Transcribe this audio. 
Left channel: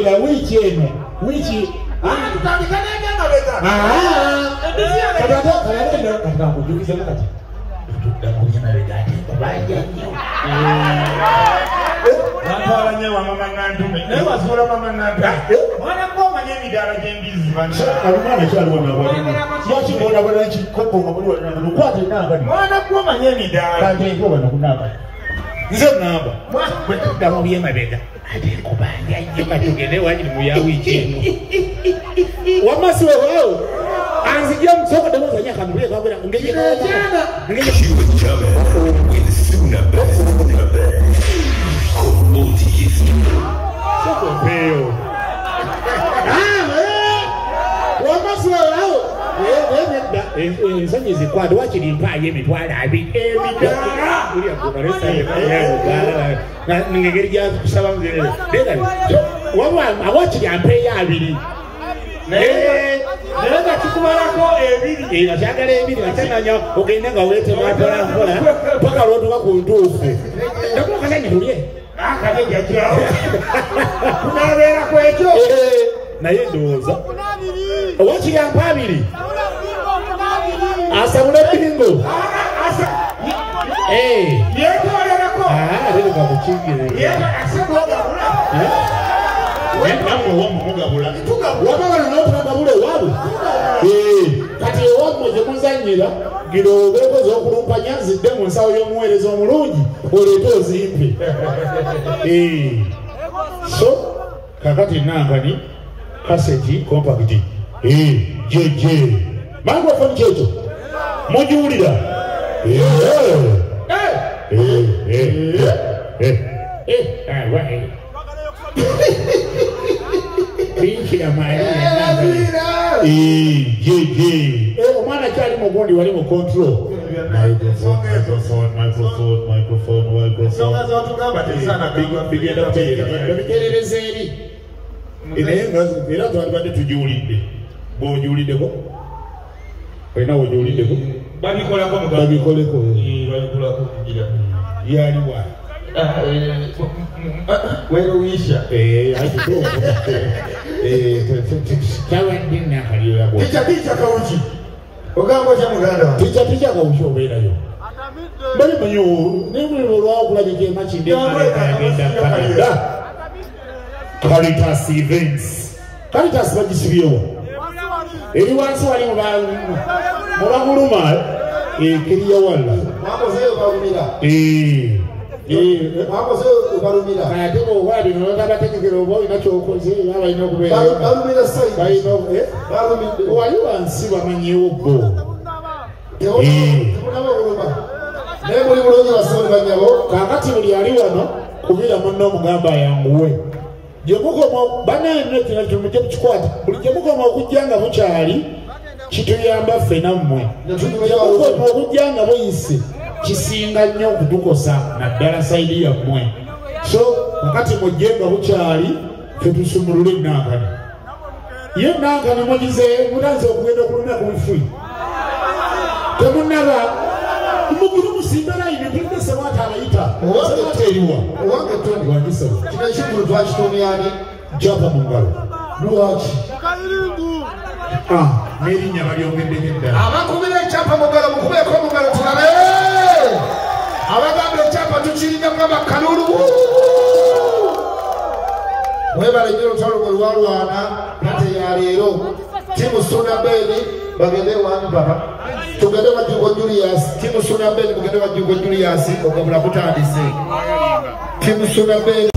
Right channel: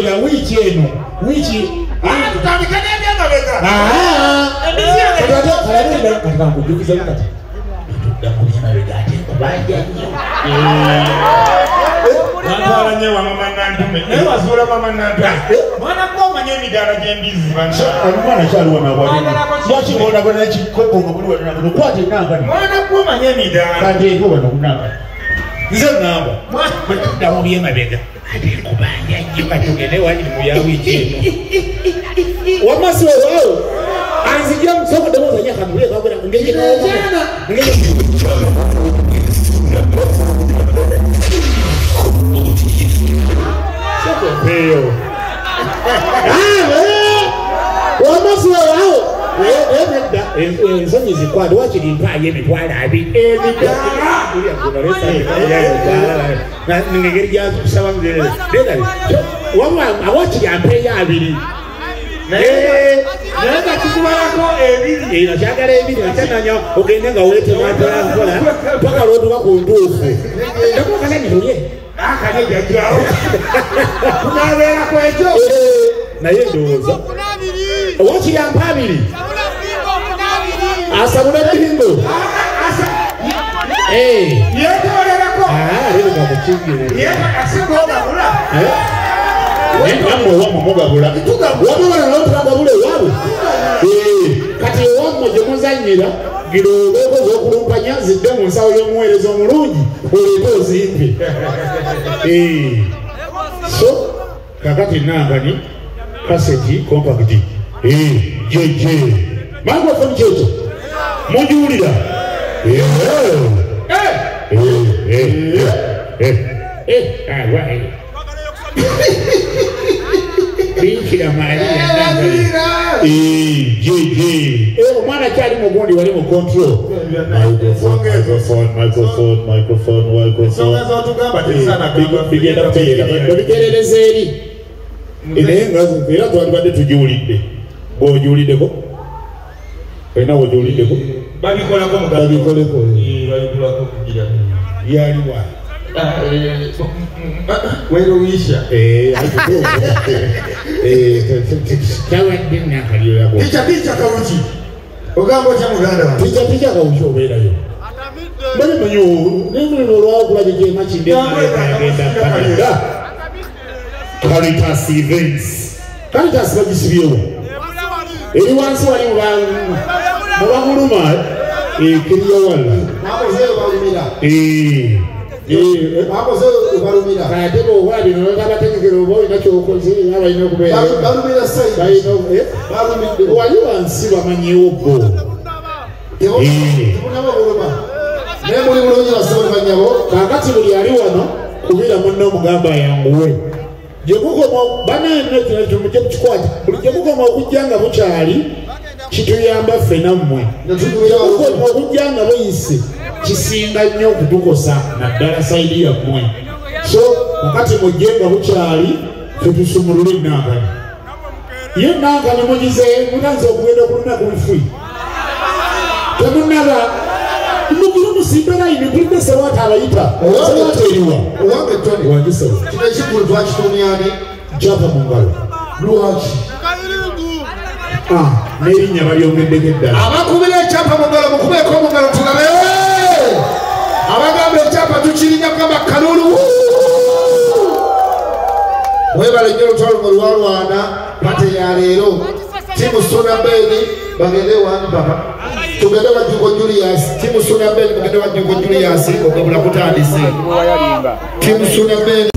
la wiki eno. Wiki. Tutandikane ndio ngaweza. Katika kujukiza wakati. Ndakuja na regati kubaja nyo. Wantwala nyewa mama nandume. Newa zura mama nandume. Mwana kwa manye midara jembizi bantu. Mwana chaluwa na wali. Yachi bona bona chikopo ngabulu na kwati nanga. Mwana kwa manye midara. Kanje ko bana kunanga. Nze namba. Mwana ndamu biye mabega. Ati kubanya nyo katugene wali mu ya wiki eno. Wamasi wao. Anzijia msoko demo za nyaka nule kwa ngeje kwa jana. Ngeje. Soko peo. Wamasi wao. Nsonyi zikwado wakiri mpaye mitwala abi. Emidara. Uli akubaresa ya na ngegeri ya kusaba ngere. Dega. Wamwa awakiri ampeya abiri. Nenda kikubayako ebiri. Inachagala ebiri achananya ogenda ngawete matwala nkola paka rodo bakundufu. Ndako kalani huye. Akanye jajao. Kunabera kwejo. Naye ndoza. Wati ya mpabiri. Asabula bingo. Yeto yerako. Lero kakuchingire. Yeto asikoga bula. Wamwe mugabula. Wamwe wanotagabule wabo. Kati wamwe je muzanyira giro beko zo kulumpanya zidde mu nsawo y'omuweereza omulungi oleete ozimpe. So kakati nangani kaseti compact. Jeje. Microphone checho. Mujulira. Right. Bikira Maria nanga. Jeje. Mwana chali mugondi wali mu control. Microphone. Songa tugamba tisana bigenda kutegereza. Biterereza eri. Inenga era twalibadde tujulidde. Bojulideko. Wena wojulideko. Babikolako mugabe. Babikoleko. Babikolako kugira. Yaliwa. Wero wisha. Tawa dinna kaliyo yabo. Picha kauchi. Ogambo cha muganda wa. Picha kauchi oberayo. Bali manyo nimwe lwa kulaje je machinde agenda Canada. Caritas events. Caritas bagisibiyo. Eri wansi wali mu baguluma kiriyo wala. Makoze balumira. Makoze balumira. Kati bo wabi no tabatekero bo inacho ukoze yaba ino kubera. Balumira sai. Bayino balumira. Wali wansi bamanyi ubbo. Tubona baluma. Nemuli bulungi nasole banyabo. Kakati buli ali wano kubira munno mugamba yanguwe. Jemuko bana eno tumuje mukikwata. Buli jemuko okujjanga bukyali kituyamba ffe nammwe. Jemuko okujjanga boyise kisinga nnyo okutukosa naddala saidi yammwe. So wakati mujjenga bukyali ffe tusumulule nangani. Ye nangani mugize mutanze okugenda okulumya ku bifui. Temunaba Muguru musimbera ini kulinde sewata abayita. Sewata eriwa. Owange Tony. Wangisaba. Kino ekikulu twakituniani. Japa mu ngalo. Lwaki. N'erinnya balyongeddeko eddala. Abakubira ekyapa mu ngalo mukubeeko mu ngalo tulabe. Abagamba ekyapa tukirinya kama kalulu. Webale nnyo olutalo mu lwalwana pate ya leero. Timu Suna Mbeni bagende wani baba. Tugende wa Jugo Julius. Timu Suna Mbeni bagende wa Jugo Julius. Ogabula kutandise. Timu Suna Mbeni.